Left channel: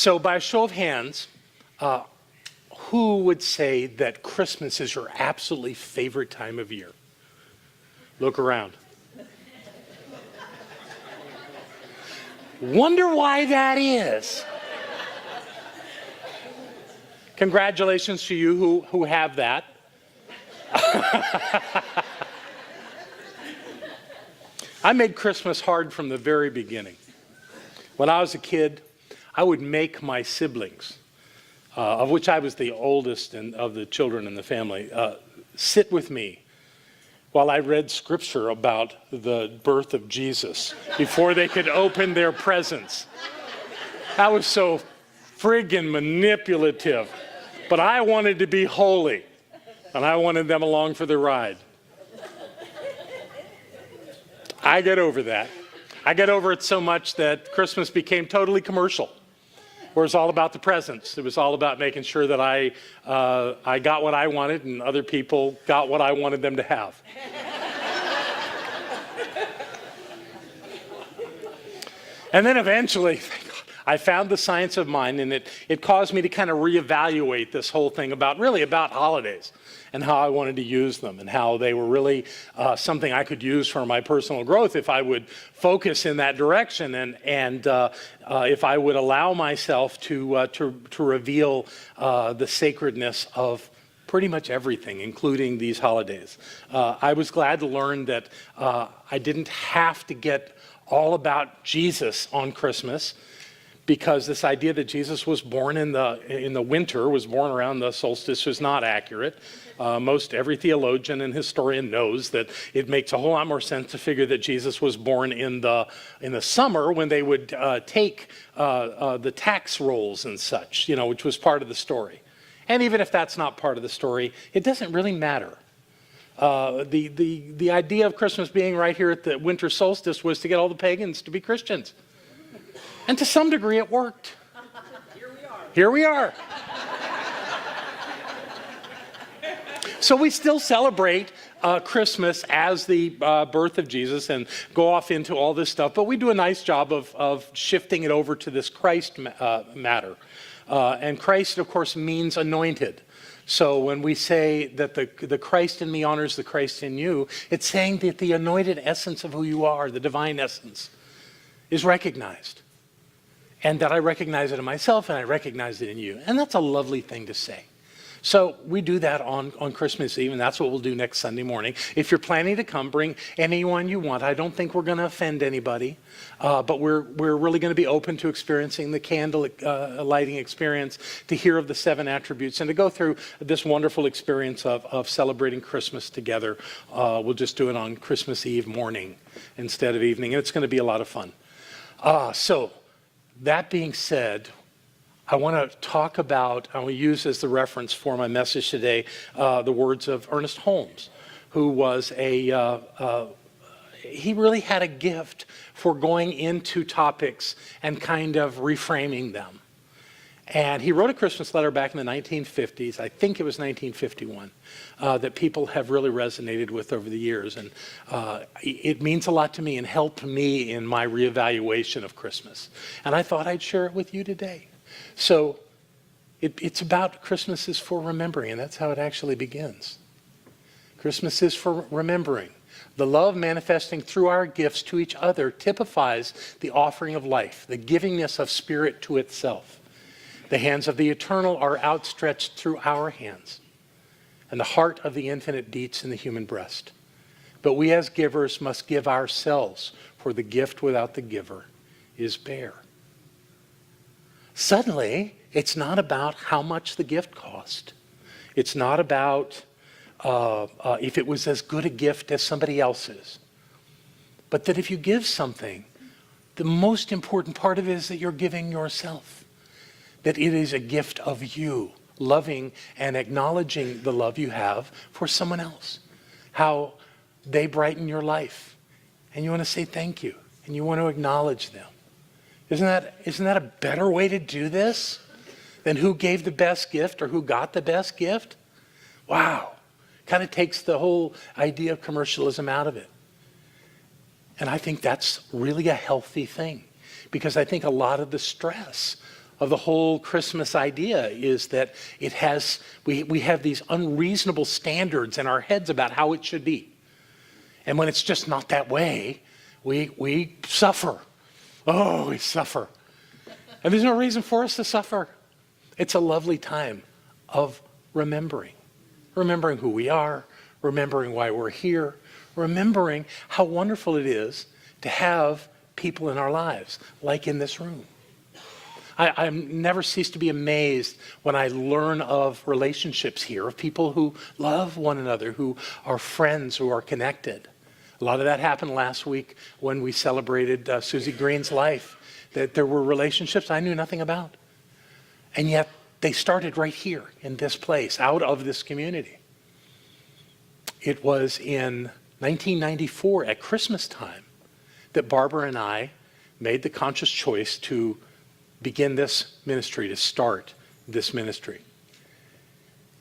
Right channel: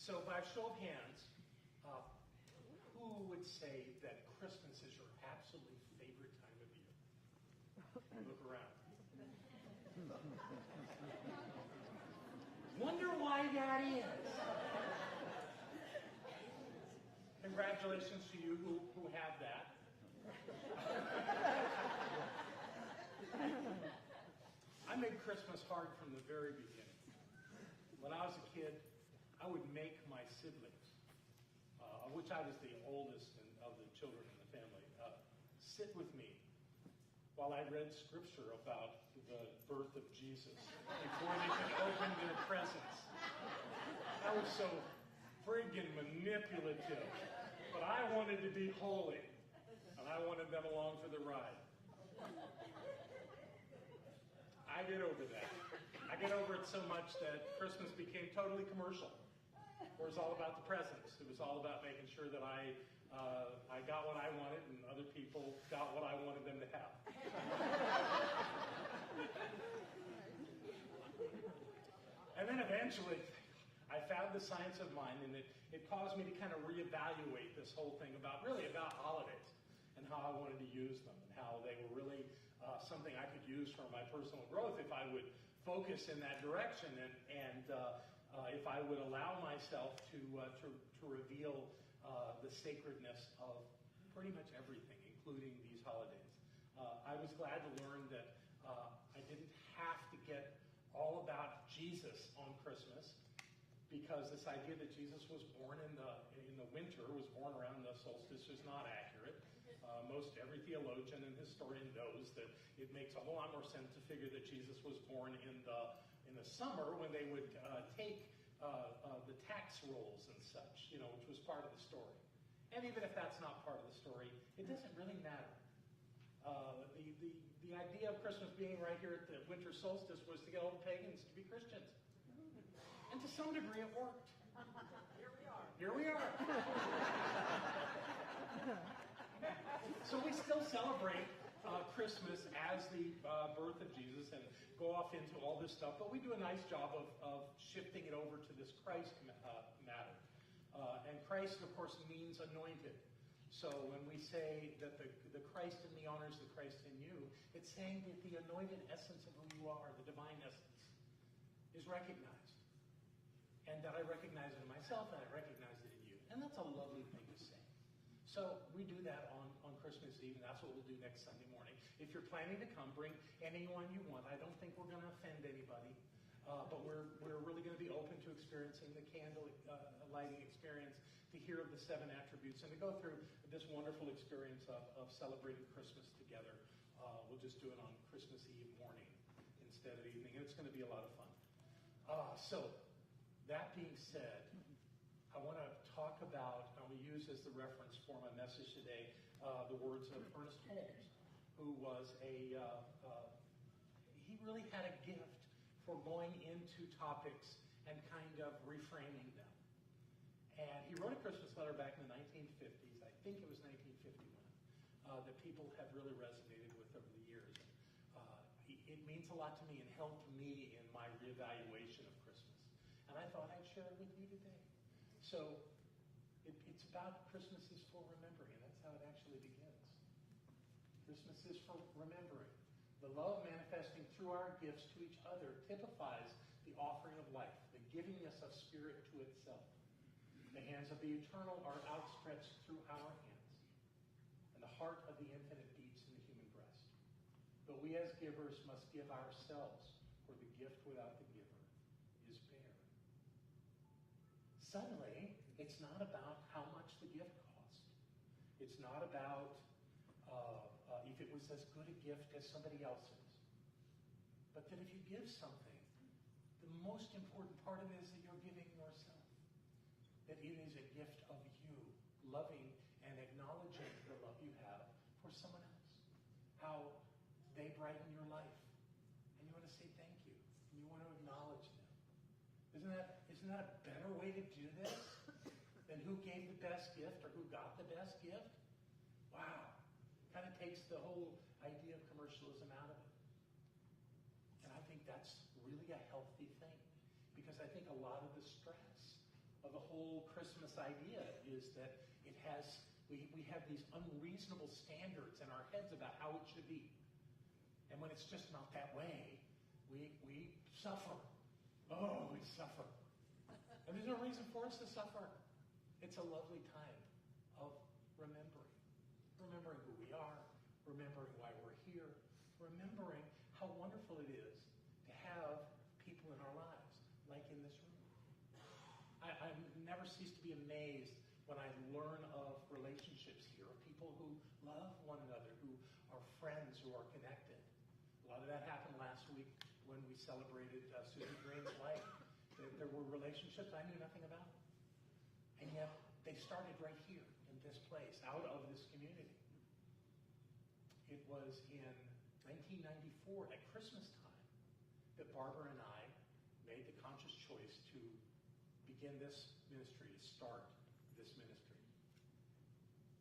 So by a show of hands, who would say that Christmas is your absolutely favorite time of year? Look around. Wonder why that is. Congratulations to you who have that. I made Christmas hard from the very beginning. When I was a kid, I would make my siblings, of which I was the oldest of the children in the family, sit with me while I read scripture about the birth of Jesus before they could open their presents. I was so friggin' manipulative, but I wanted to be holy, and I wanted them along for the ride. I get over that. I get over it so much that Christmas became totally commercial, where it was all about the presents. It was all about making sure that I got what I wanted and other people got what I wanted them to have. And then eventually, I found the science of mind, and it caused me to kind of reevaluate this whole thing about holidays and how I wanted to use them and how they were really something I could use for my personal growth if I would focus in that direction and if I would allow myself to reveal the sacredness of pretty much everything, including these holidays. I was glad to learn that I didn't have to get all about Jesus on Christmas, because this idea that Jesus was born in the winter, was born around the solstice, was not accurate. Most every theologian and historian knows that it makes a whole lot more sense to figure that Jesus was born in the summer, when they would take the tax rolls and such, which was part of the story. And even if that's not part of the story, it doesn't really matter. The idea of Christmas being right here at the winter solstice was to get all the pagans to be Christians. And to some degree it worked. Here we are. So we still celebrate Christmas as the birth of Jesus and go off into all this stuff, but we do a nice job of shifting it over to this Christ matter. And Christ, of course, means anointed. So when we say that the Christ in me honors the Christ in you, it's saying that the anointed essence of who you are, the divine essence, is recognized. And that I recognize it in myself and I recognize it in you. And that's a lovely thing to say. So we do that on Christmas Eve, and that's what we'll do next Sunday morning. If you're planning to come, bring anyone you want. I don't think we're going to offend anybody, but we're really going to be open to experiencing the candle lighting experience, to hear of the 7 attributes, and to go through this wonderful experience of celebrating Christmas together. We'll just do it on Christmas Eve morning instead of evening, and it's going to be a lot of fun. So that being said, I want to talk about, I will use as the reference for my message today, the words of Ernest Holmes, who was he really had a gift for going into topics and kind of reframing them. And he wrote a Christmas letter back in the 1950s, I think it was 1951, that people have really resonated with over the years. And it means a lot to me and helped me in my reevaluation of Christmas. And I thought I'd share it with you today. So it's about Christmas is for remembering, and that's how it actually begins. Christmas is for remembering. The love manifesting through our gifts to each other typifies the offering of life, the givingness of spirit to itself. The hands of the eternal are outstretched through our hands, and the heart of the infinite beats in the human breast. But we as givers must give ourselves, for the gift without the giver is bare. Suddenly, it's not about how much the gift cost. It's not about if it was as good a gift as somebody else's. But that if you give something, the most important part of it is that you're giving yourself. That it is a gift of you, loving and acknowledging the love you have for someone else. How they brighten your life. And you want to say thank you. And you want to acknowledge them. Isn't that a better way to do this than who gave the best gift or who got the best gift? Wow. Kind of takes the whole idea of commercialism out of it. And I think that's really a healthy thing, because I think a lot of the stress of the whole Christmas idea is that we have these unreasonable standards in our heads about how it should be. And when it's just not that way, we suffer. Oh, we suffer. And there's no reason for us to suffer. It's a lovely time of remembering who we are, remembering why we're here, remembering how wonderful it is to have people in our lives, like in this room. I never cease to be amazed when I learn of relationships here, of people who love one another, who are friends, who are connected. A lot of that happened last week when we celebrated Susie Green's life, that there were relationships I knew nothing about. And yet they started right here in this place, out of this community. It was in 1994 at Christmas time that Barbara and I made the conscious choice to begin this ministry, to start this ministry.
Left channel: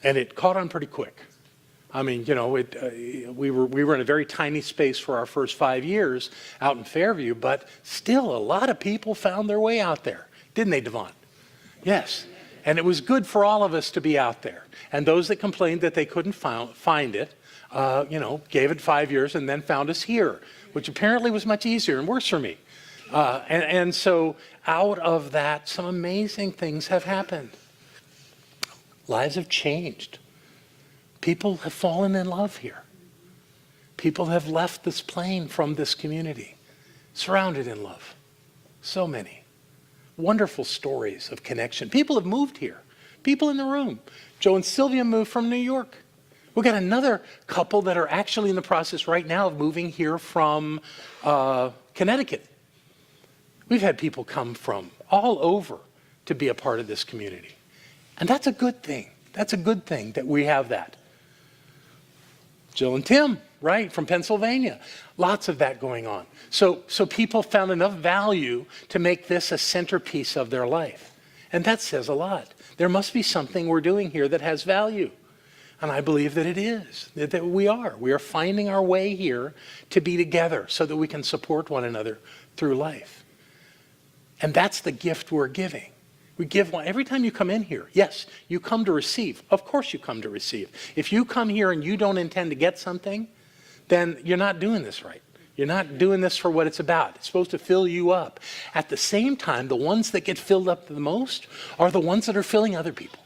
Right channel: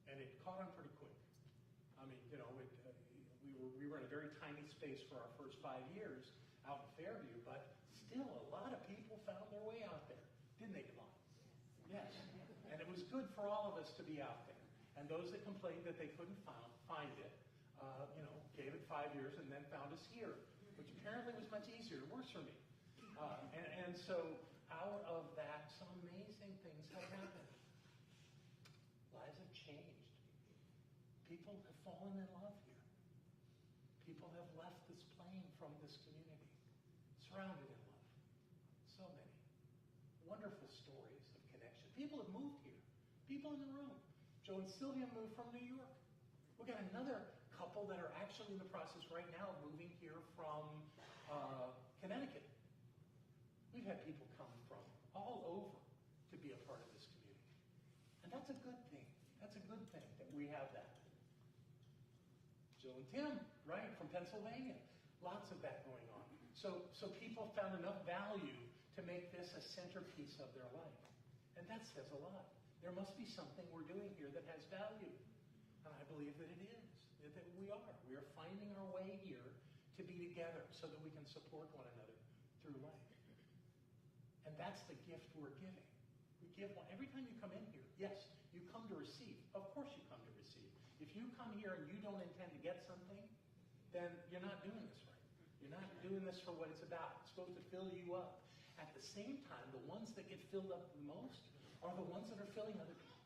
And it caught on pretty quick. I mean, you know, we were in a very tiny space for our first 5 years out in Fairview, but still a lot of people found their way out there. Didn't they, Devon? Yes. And it was good for all of us to be out there. And those that complained that they couldn't find it, gave it 5 years and then found us here, which apparently was much easier and worse for me. And so out of that, some amazing things have happened. Lives have changed. People have fallen in love here. People have left this plane from this community, surrounded in love. So many. Wonderful stories of connection. People have moved here. People in the room. Joe and Sylvia moved from New York. We've got another couple that are actually in the process right now of moving here from Connecticut. We've had people come from all over to be a part of this community. And that's a good thing. That's a good thing that we have that. Jill and Tim, right, from Pennsylvania. Lots of that going on. So people found enough value to make this a centerpiece of their life. And that says a lot. There must be something we're doing here that has value. And I believe that it is, that we are. We are finding our way here to be together so that we can support one another through life. And that's the gift we're giving. We give one every time you come in here. Yes, you come to receive. Of course you come to receive. If you come here and you don't intend to get something, then you're not doing this right. You're not doing this for what it's about. It's supposed to fill you up. At the same time, the ones that get filled up the most are the ones that are filling other people,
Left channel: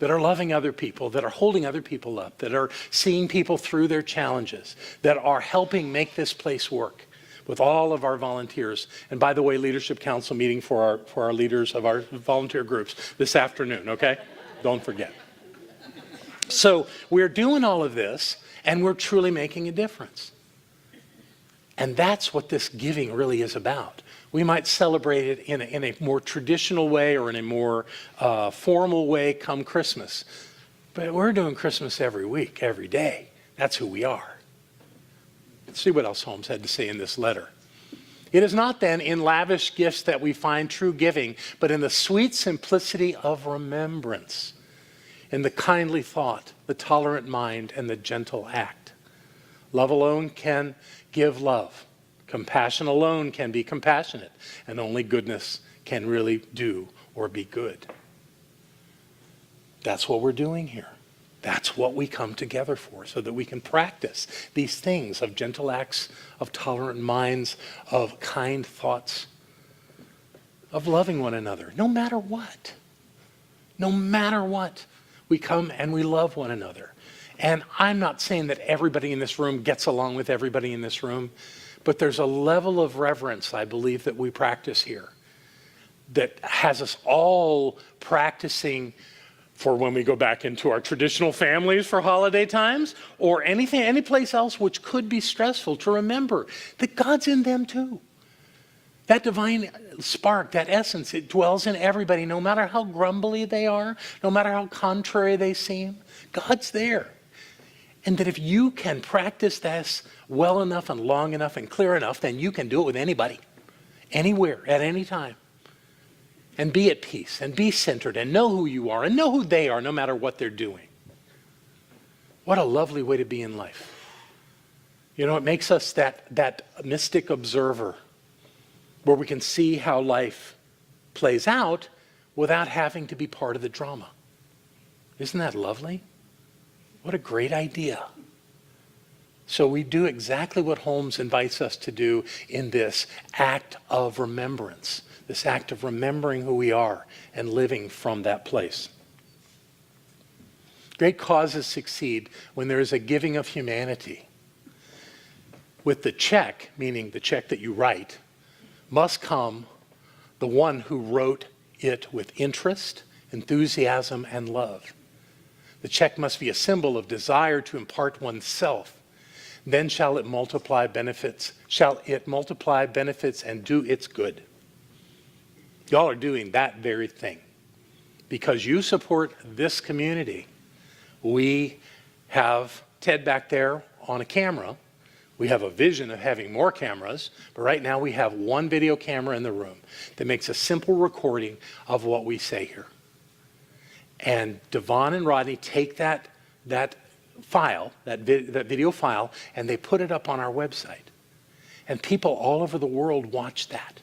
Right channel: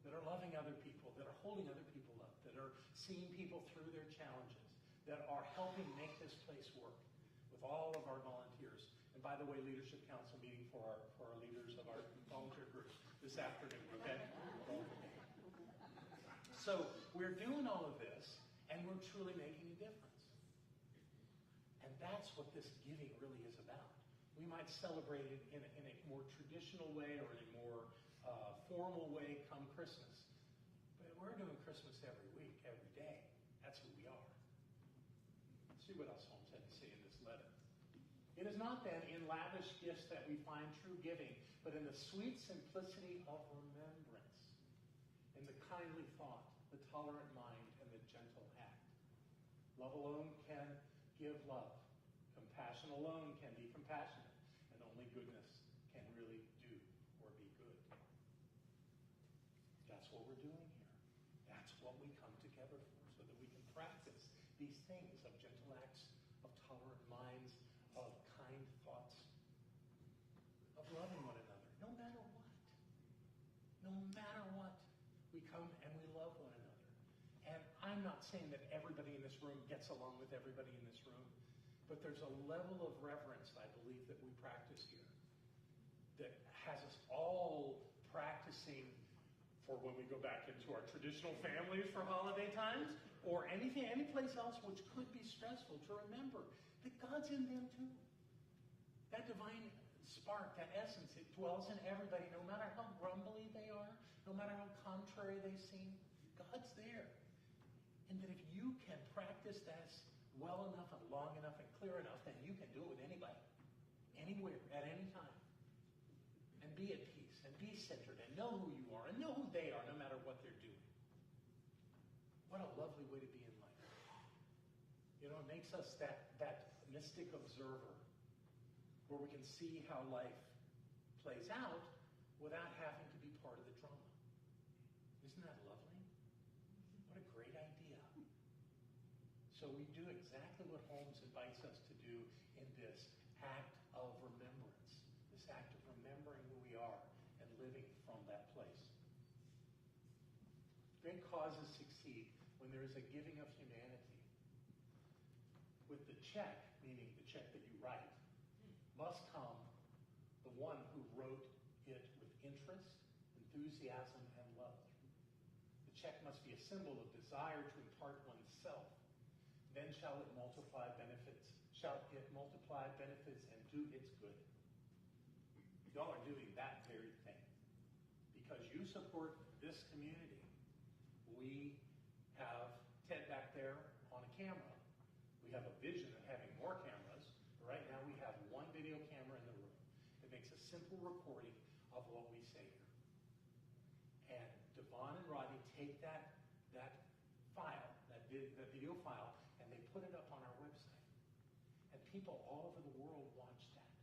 that are loving other people, that are holding other people up, that are seeing people through their challenges, that are helping make this place work with all of our volunteers. And by the way, Leadership Council meeting for our leaders of our volunteer groups this afternoon, okay? Don't forget. So we're doing all of this, and we're truly making a difference. And that's what this giving really is about. We might celebrate it in a more traditional way or in a more formal way come Christmas. But we're doing Christmas every week, every day. That's who we are. Let's see what else Holmes had to say in this letter. It is not then in lavish gifts that we find true giving, but in the sweet simplicity of remembrance, in the kindly thought, the tolerant mind, and the gentle act. Love alone can give love. Compassion alone can be compassionate, and only goodness can really do or be good. That's what we're doing here. That's what we come together for, so that we can practice these things of gentle acts, of tolerant minds, of kind thoughts, of loving one another, no matter what. No matter what, we come and we love one another. And I'm not saying that everybody in this room gets along with everybody in this room, but there's a level of reverence, I believe, that we practice here that has us all practicing for when we go back into our traditional families for holiday times, or anything, any place else which could be stressful, to remember that God's in them too. That divine spark, that essence, it dwells in everybody, no matter how grumbly they are, no matter how contrary they seem. God's there. And that if you can practice this well enough and long enough and clear enough, then you can do it with anybody, anywhere, at any time. And be at peace, and be centered, and know who you are, and know who they are, no matter what they're doing. What a lovely way to be in life. You know, it makes us that mystic observer, where we can see how life plays out without having to be part of the drama. Isn't that lovely? What a great idea. So we do exactly what Holmes invites us to do in this act of remembrance, this act of remembering who we are and living from that place. Great causes succeed when there is a giving of humanity. With the check, meaning the check that you write, must come the one who wrote it with interest, enthusiasm, and love. The check must be a symbol of desire to impart oneself. Then shall it multiply benefits and do its good. Y'all are doing that very thing. Because you support this community, we have Ted back there on a camera. We have a vision of having more cameras, but right now we have one video camera in the room that makes a simple recording of what we say here. And Devon and Rodney take that file, that video file, and they put it up on our website. And people all over the world watch that.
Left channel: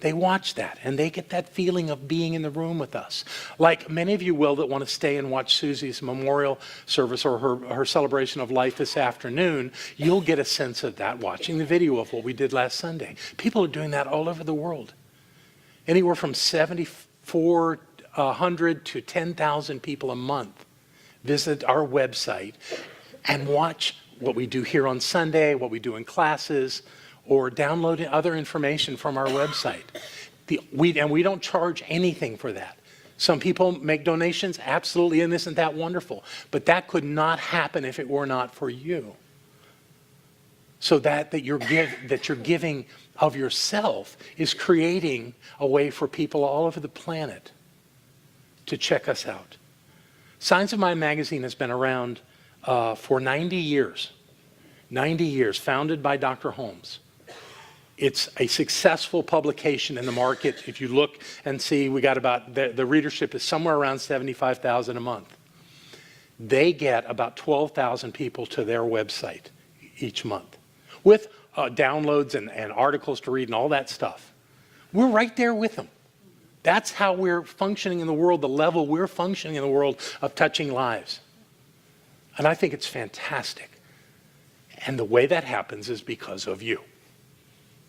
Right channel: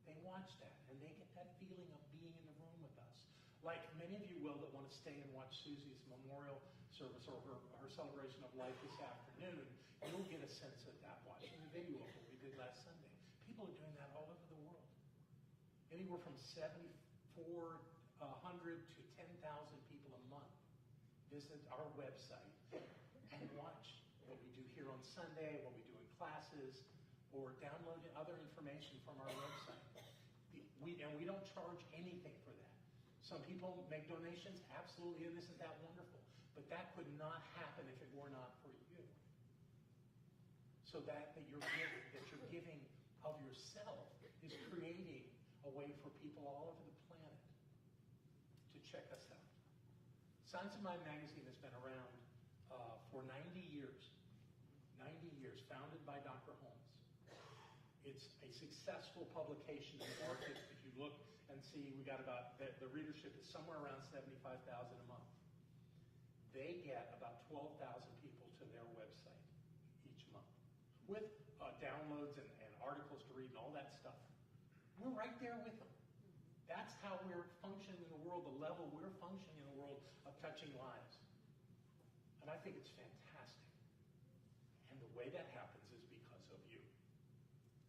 They watch that, and they get that feeling of being in the room with us. Like many of you will that want to stay and watch Susie's memorial service or her celebration of life this afternoon, you'll get a sense of that watching the video of what we did last Sunday. People are doing that all over the world. Anywhere from 7,400 to 10,000 people a month visit our website and watch what we do here on Sunday, what we do in classes, or download other information from our website. And we don't charge anything for that. Some people make donations, absolutely, and isn't that wonderful? But that could not happen if it were not for you. So that you're giving of yourself is creating a way for people all over the planet to check us out. Signs of Mind magazine has been around for 90 years. 90 years, founded by Dr. Holmes. It's a successful publication in the market. If you look and see, we got about, the readership is somewhere around 75,000 a month. They get about 12,000 people to their website each month with downloads and articles to read and all that stuff. We're right there with them. That's how we're functioning in the world, the level we're functioning in the world of touching lives. And I think it's fantastic. And the way that happens is because of you.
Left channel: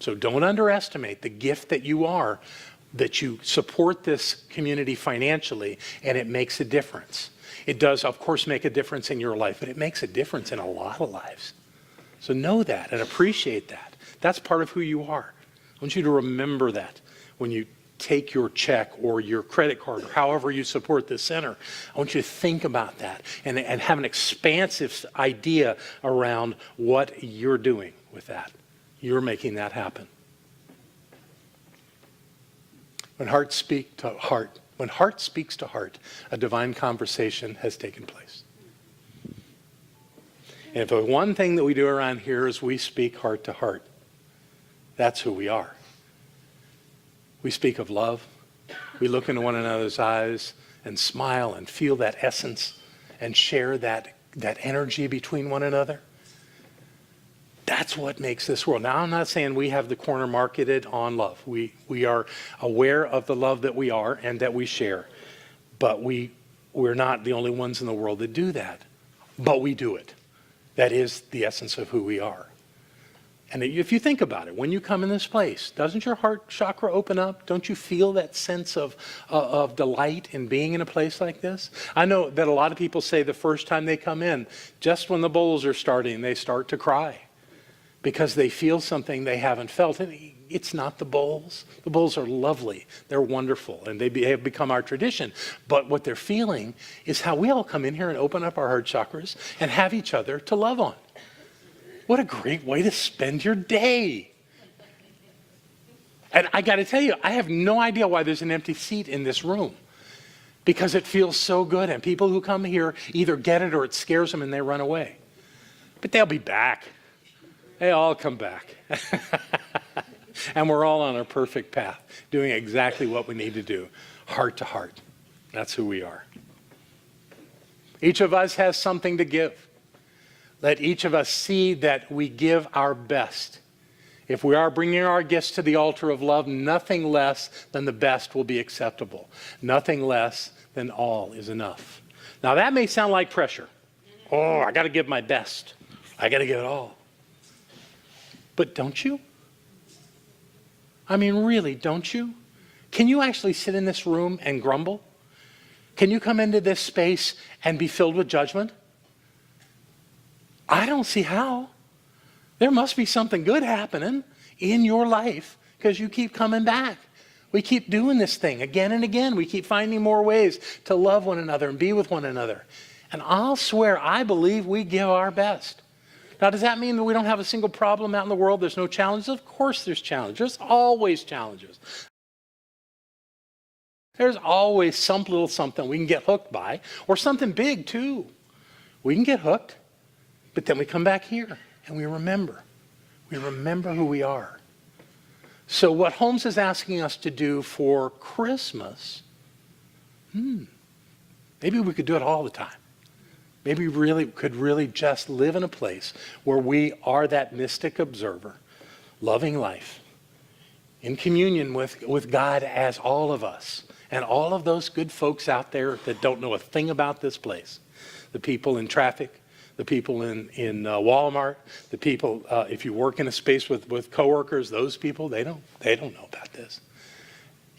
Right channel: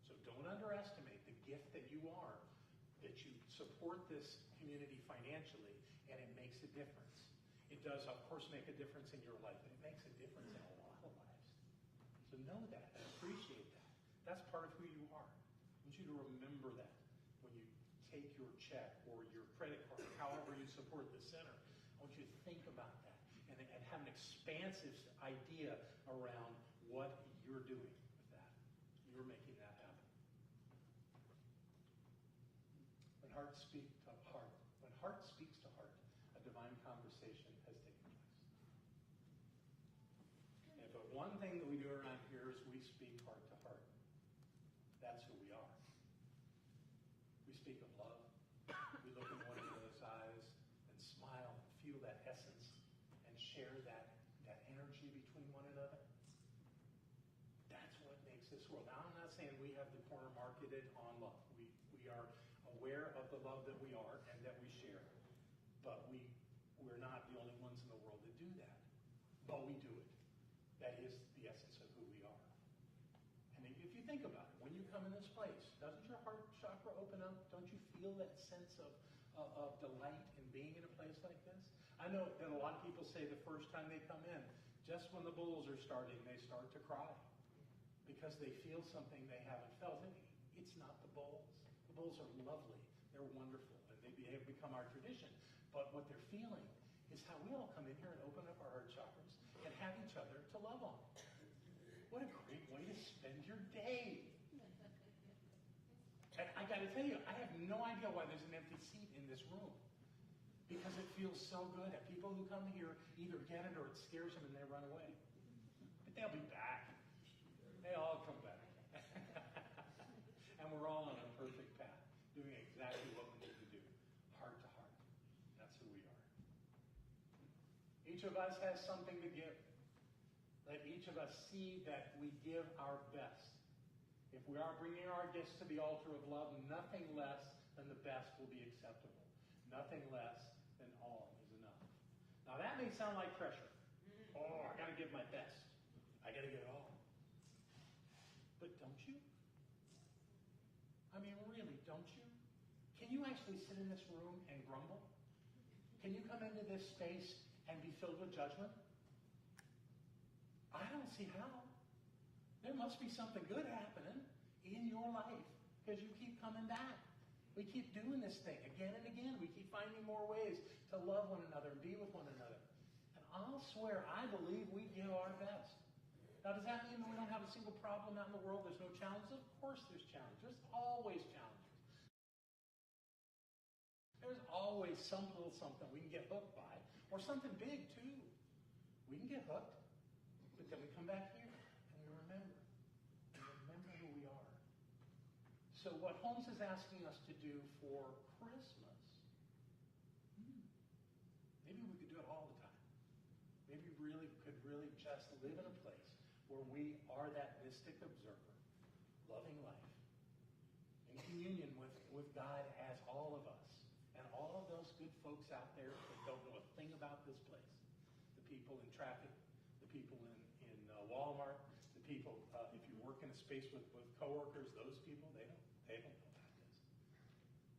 So don't underestimate the gift that you are, that you support this community financially, and it makes a difference. It does, of course, make a difference in your life, but it makes a difference in a lot of lives. So know that and appreciate that. That's part of who you are. I want you to remember that when you take your check or your credit card or however you support this center. I want you to think about that and have an expansive idea around what you're doing with that. You're making that happen. When heart speaks to heart, a divine conversation has taken place. And if the one thing that we do around here is we speak heart to heart, that's who we are. We speak of love. We look into one another's eyes and smile and feel that essence and share that energy between one another. That's what makes this world. Now, I'm not saying we have the corner marketed on love. We are aware of the love that we are and that we share. But we're not the only ones in the world that do that. But we do it. That is the essence of who we are. And if you think about it, when you come in this place, doesn't your heart chakra open up? Don't you feel that sense of delight in being in a place like this? I know that a lot of people say the first time they come in, just when the bowls are starting, they start to cry because they feel something they haven't felt. And it's not the bowls. The bowls are lovely. They're wonderful, and they have become our tradition. But what they're feeling is how we all come in here and open up our heart chakras and have each other to love on. What a great way to spend your day. And I got to tell you, I have no idea why there's an empty seat in this room, because it feels so good. And people who come here either get it or it scares them and they run away. But they'll be back. They all come back. And we're all on a perfect path, doing exactly what we need to do, heart to heart. That's who we are. Each of us has something to give. Let each of us see that we give our best If we are bringing our gifts to the altar of love, nothing less than the best will be acceptable. Nothing less than all is enough. Now that may sound like pressure. Oh, I got to give my best. I got to give it all. But don't you? I mean, really, don't you? Can you actually sit in this room and grumble? Can you come into this space and be filled with judgment? I don't see how. There must be something good happening in your life because you keep coming back. We keep doing this thing again and again. We keep finding more ways to love one another and be with one another. And I'll swear, I believe we give our best. Now, does that mean that we don't have a single problem out in the world? There's no challenges? Of course there's challenges. There's always challenges. There's always some little something we can get hooked by, or something big too. We can get hooked, but then we come back here and we remember. We remember who we are. So what Holmes is asking us to do for Christmas, maybe we could do it all the time. Maybe we could really just live in a place where we are that mystic observer, loving life, in communion with God as all of us, and all of those good folks out there that don't know a thing about this place. The people in traffic, the people in Walmart, the people, if you work in a space with coworkers, those people, they don't know about this.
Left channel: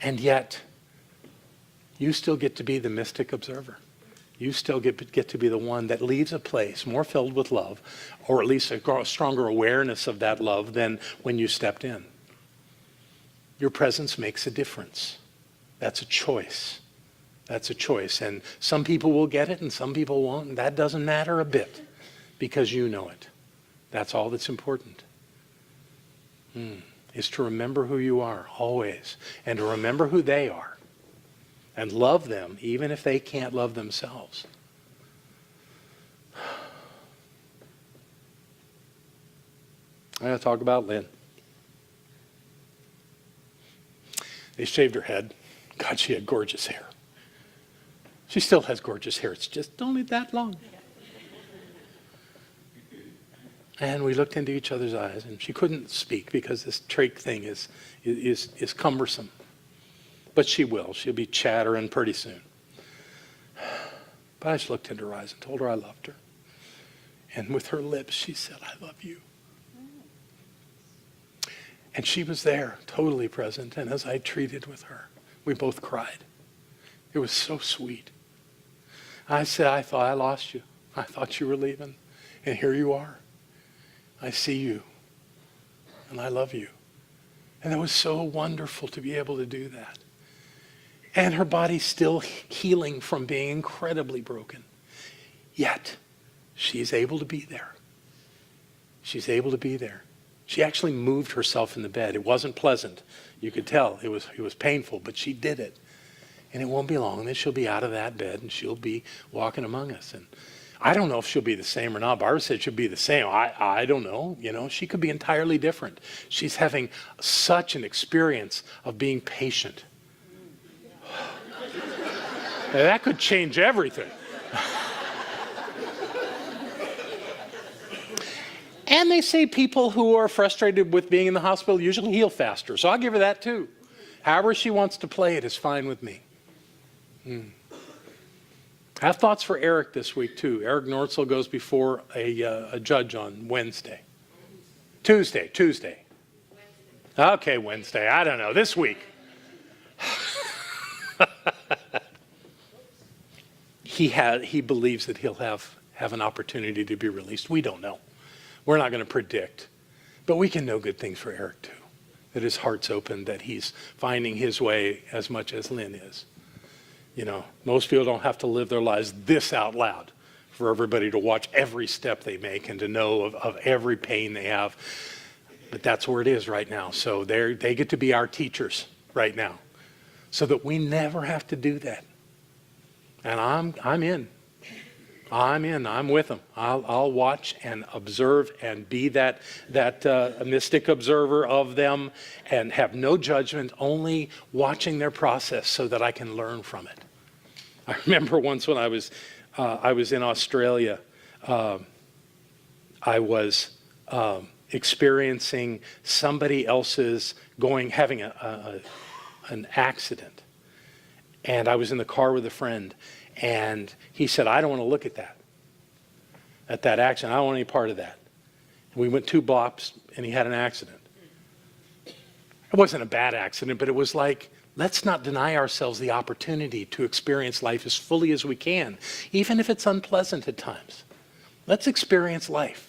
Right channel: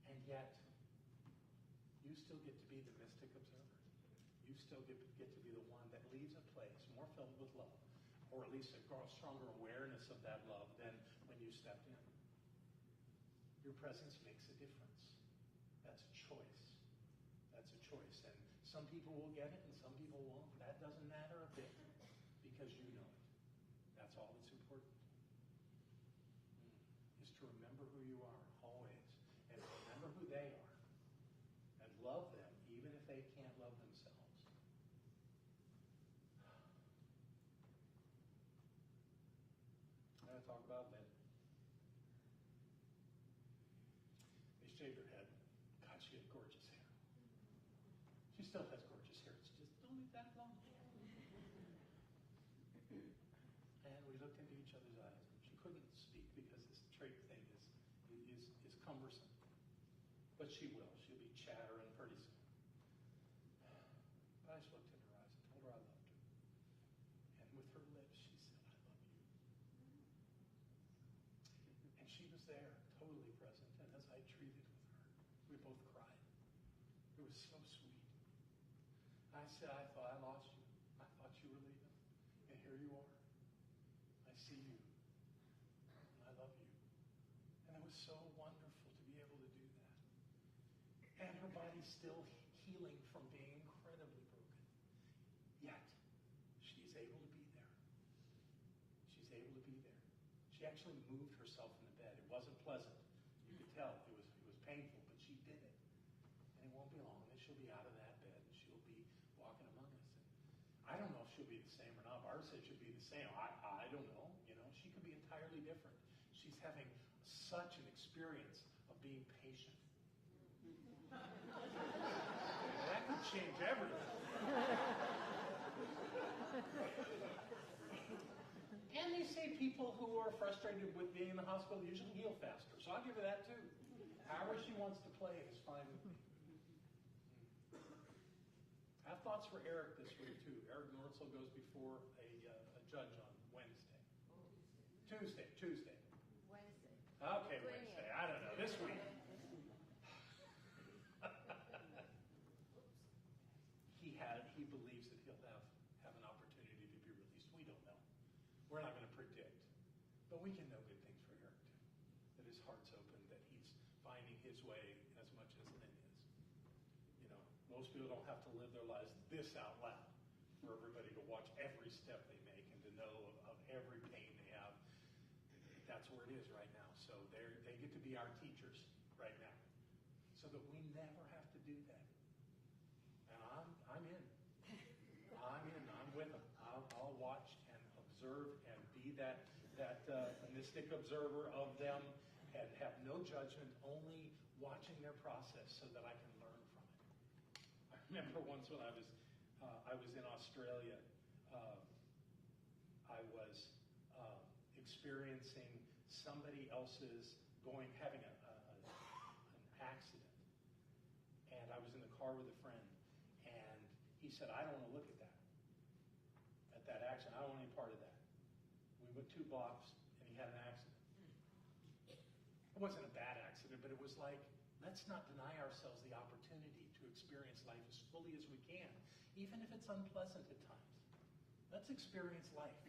And yet, you still get to be the mystic observer. You still get to be the one that leaves a place more filled with love, or at least a stronger awareness of that love than when you stepped in. Your presence makes a difference. That's a choice. That's a choice. And some people will get it and some people won't. And that doesn't matter a bit because you know it. That's all that's important. Is to remember who you are always, and to remember who they are and love them even if they can't love themselves. I gotta talk about Lynn. They shaved her head. God, she had gorgeous hair. She still has gorgeous hair. It's just only that long. And we looked into each other's eyes, and she couldn't speak because this trach thing is cumbersome. But she will. She'll be chattering pretty soon. But I just looked into her eyes and told her I loved her. And with her lips, she said, I love you. And she was there, totally present. And as I treated with her, we both cried. It was so sweet. I said, I thought I lost you. I thought you were leaving. And here you are. I see you. And I love you. And it was so wonderful to be able to do that. And her body's still healing from being incredibly broken. Yet, she's able to be there. She's able to be there. She actually moved herself in the bed. It wasn't pleasant. You could tell it was painful, but she did it. And it won't be long that she'll be out of that bed and she'll be walking among us. And I don't know if she'll be the same or not. Barbara said she'll be the same. I don't know. You know, she could be entirely different. She's having such an experience of being patient. That could change everything. And they say people who are frustrated with being in the hospital usually heal faster. So I'll give her that too. However she wants to play it is fine with me. I have thoughts for Eric this week too. Eric Nortzel goes before a judge on Wednesday. Tuesday. Okay, Wednesday. I don't know. This week. He believes that he'll have an opportunity to be released. We don't know. We're not going to predict. But we can know good things for Eric too. That his heart's open, that he's finding his way as much as Lynn is. You know, most people don't have to live their lives this out loud for everybody to watch every step they make and to know of every pain they have. But that's where it is right now. So they get to be our teachers right now so that we never have to do that. And I'm in. I'm with them. I'll watch and observe and be that mystic observer of them and have no judgment, only watching their process so that I can learn from it. I remember once when I was in Australia, I was experiencing somebody else's having an accident. And I was in the car with a friend, and he said, I don't want to look at that accident. I don't want any part of that. And we went 2 blocks, and he had an accident. It wasn't a bad accident, but it was like, let's not deny ourselves the opportunity to experience life as fully as we can, even if it's unpleasant at times. Let's experience life.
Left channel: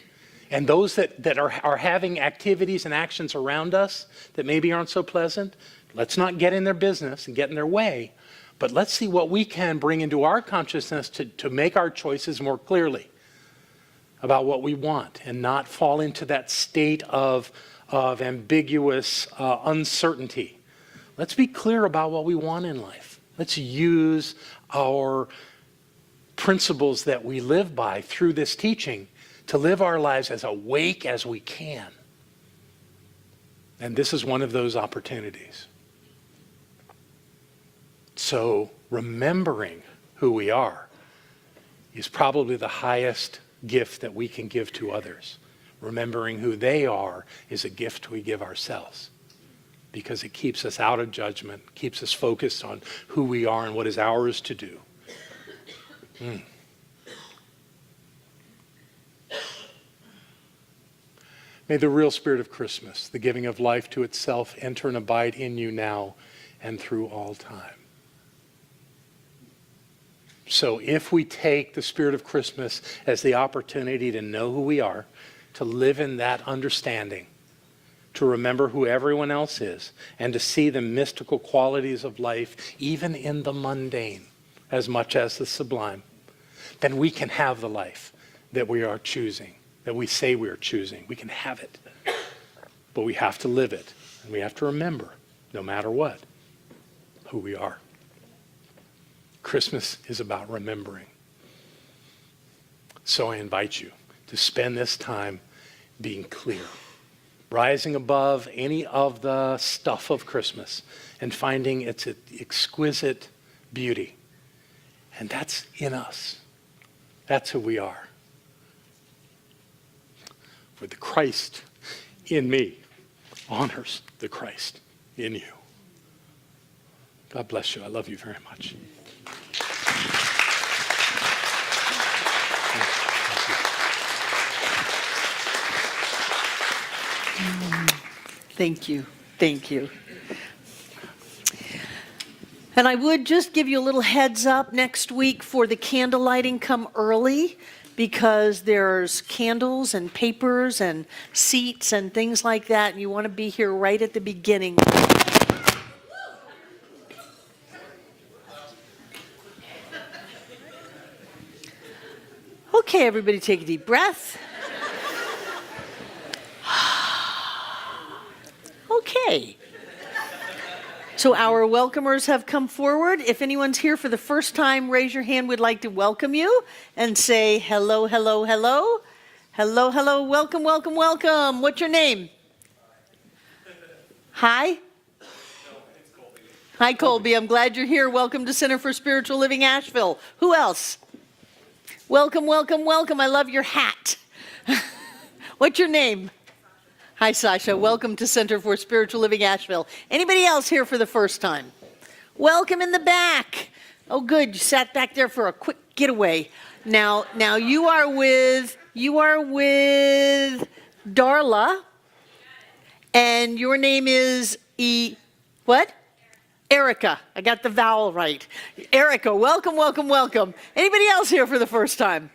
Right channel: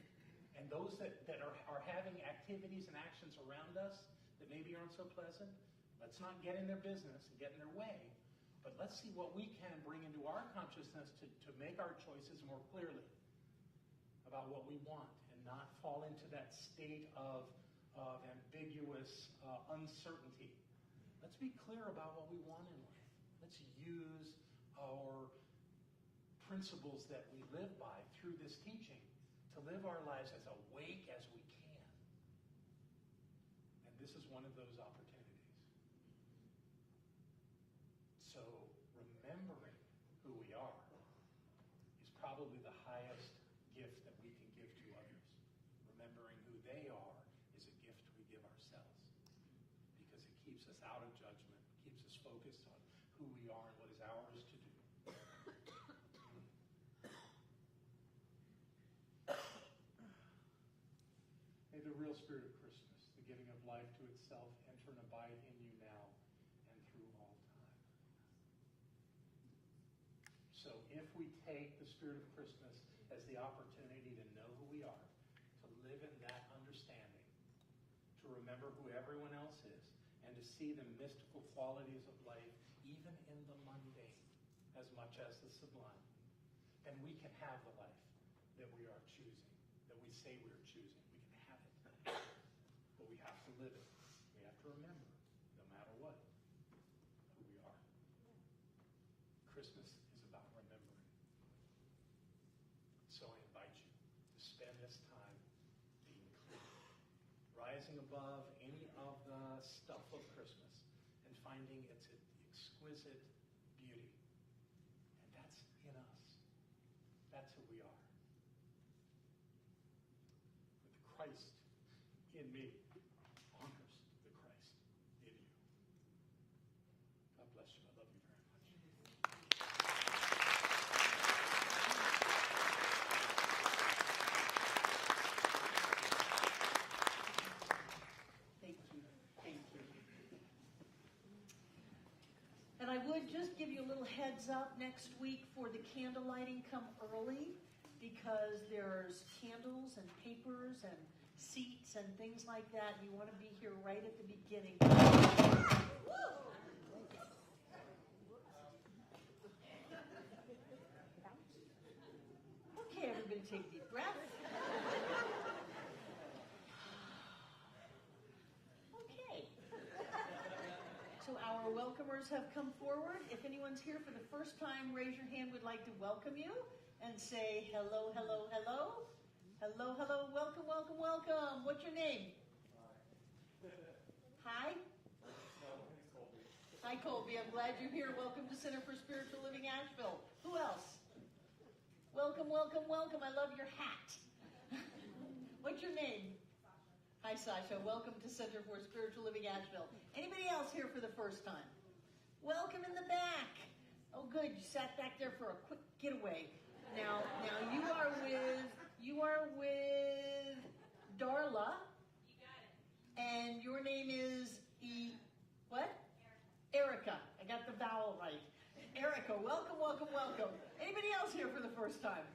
And those that are having activities and actions around us that maybe aren't so pleasant, let's not get in their business and get in their way, but let's see what we can bring into our consciousness to make our choices more clearly about what we want and not fall into that state of ambiguous uncertainty. Let's be clear about what we want in life. Let's use our principles that we live by through this teaching to live our lives as awake as we can. And this is one of those opportunities. So remembering who we are is probably the highest gift that we can give to others. Remembering who they are is a gift we give ourselves, because it keeps us out of judgment, keeps us focused on who we are and what is ours to do. May the real spirit of Christmas, the giving of life to itself, enter and abide in you now and through all time. So if we take the spirit of Christmas as the opportunity to know who we are, to live in that understanding, to remember who everyone else is, and to see the mystical qualities of life, even in the mundane, as much as the sublime, then we can have the life that we are choosing, that we say we are choosing. We can have it, but we have to live it, and we have to remember, no matter what, who we are. Christmas is about remembering. So I invite you to spend this time being clear, rising above any of the stuff of Christmas and finding its exquisite beauty. And that's in us. That's who we are. For the Christ in me honors the Christ in you. God bless you. I love you very much. Thank you. Thank you. And I would just give you a little heads up next week for the candle lighting. Come early, because there's candles and papers and seats and things like that. And you want to be here right at the beginning. Okay, everybody take a deep breath. Okay. So our welcomers have come forward. If anyone's here for the first time, raise your hand. We'd like to welcome you and say hello, hello, hello. Hello, hello, welcome, welcome, welcome. What's your name? Hi? Hi, Colby. I'm glad you're here. Welcome to Center for Spiritual Living, Asheville. Who else? Welcome, welcome, welcome. I love your hat. What's your name? Hi, Sasha. Welcome to Center for Spiritual Living, Asheville. Anybody else here for the first time? Welcome in the back. Oh, good. You sat back there for a quick getaway. Now you are with Darla, and your name is what? Erica. I got the vowel right. Erica, welcome, welcome, welcome. Anybody else here for the first time?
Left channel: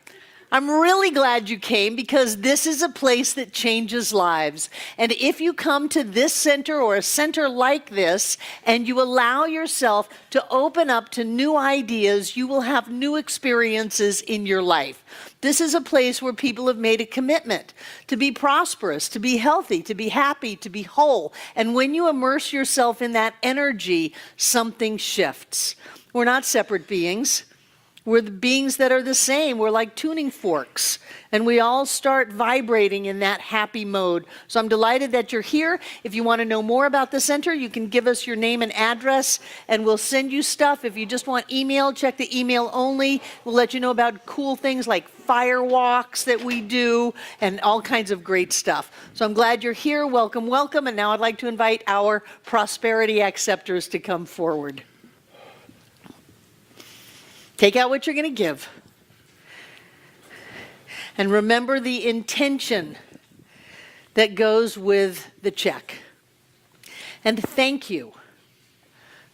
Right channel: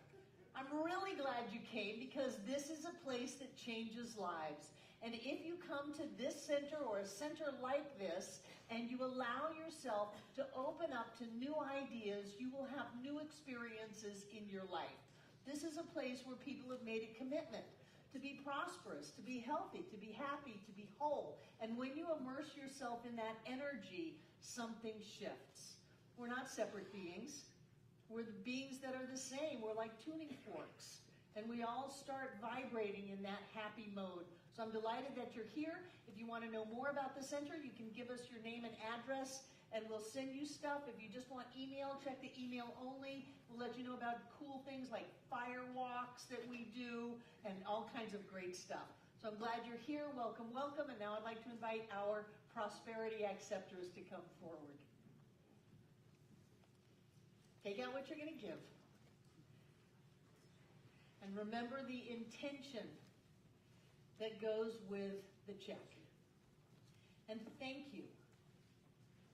I'm really glad you came, because this is a place that changes lives. And if you come to this center or a center like this and you allow yourself to open up to new ideas, you will have new experiences in your life. This is a place where people have made a commitment to be prosperous, to be healthy, to be happy, to be whole. And when you immerse yourself in that energy, something shifts. We're not separate beings. We're the beings that are the same. We're like tuning forks, and we all start vibrating in that happy mode. So I'm delighted that you're here. If you want to know more about the center, you can give us your name and address, and we'll send you stuff. If you just want email, check the email only. We'll let you know about cool things like fire walks that we do and all kinds of great stuff. So I'm glad you're here. Welcome, welcome. And now I'd like to invite our prosperity acceptors to come forward. Take out what you're going to give. And remember the intention that goes with the check. And thank you.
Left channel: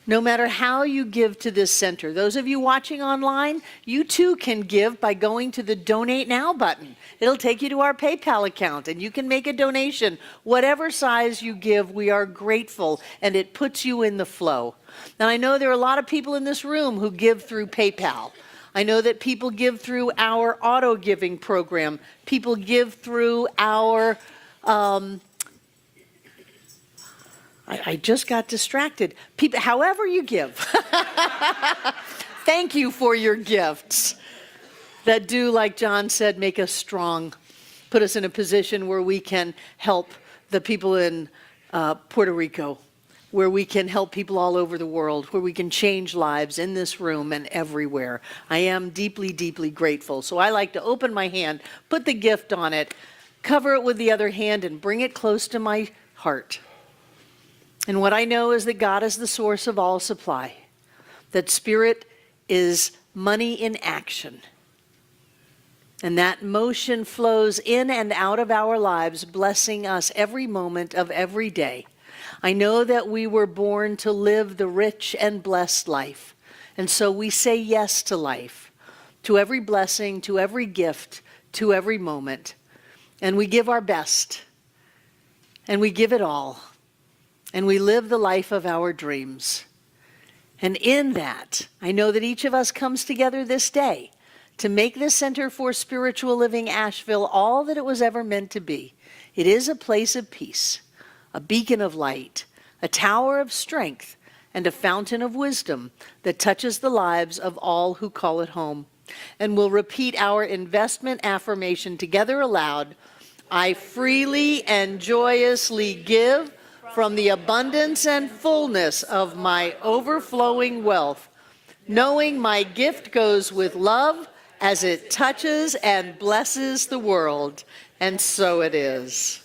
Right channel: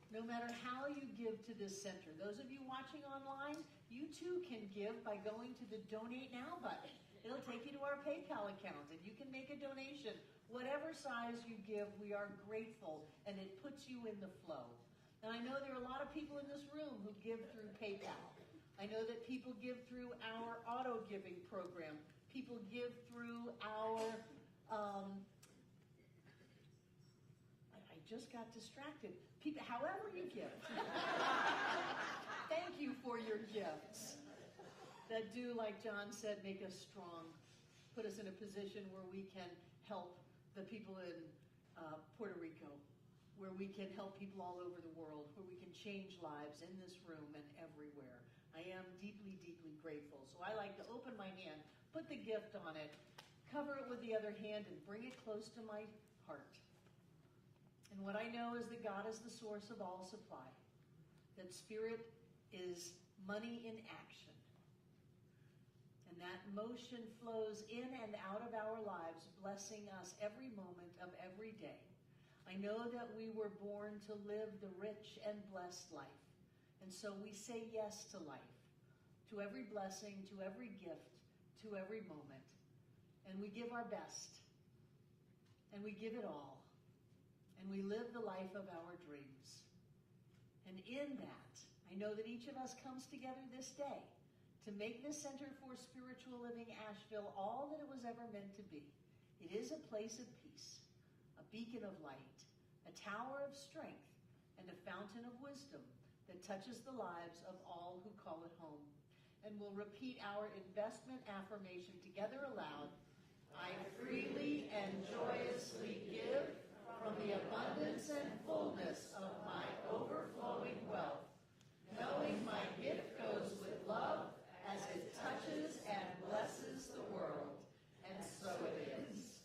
No matter how you give to this center. Those of you watching online, you too can give by going to the Donate Now button. It'll take you to our PayPal account, and you can make a donation. Whatever size you give, we are grateful, and it puts you in the flow. Now, I know there are a lot of people in this room who give through PayPal. I know that people give through our auto giving program. People give through our, I just got distracted. People, however you give. Thank you for your gifts that do, like John said, make us strong, put us in a position where we can help the people in Puerto Rico, where we can help people all over the world, where we can change lives in this room and everywhere. I am deeply, deeply grateful. So I like to open my hand, put the gift on it, cover it with the other hand, and bring it close to my heart. And what I know is that God is the source of all supply, that Spirit is money in action, and that motion flows in and out of our lives, blessing us every moment of every day. I know that we were born to live the rich and blessed life, and so we say yes to life, to every blessing, to every gift, to every moment, and we give our best, and we give it all, and we live the life of our dreams. And in that, I know that each of us comes together this day to make this Center for Spiritual Living Asheville all that it was ever meant to be. It is a place of peace, a beacon of light, a tower of strength, and a fountain of wisdom that touches the lives of all who call it home. And we'll repeat our investment affirmation together aloud. I freely and joyously give from the abundance and fullness of my overflowing wealth, knowing my gift goes with love as it touches and blesses the world. And so it is.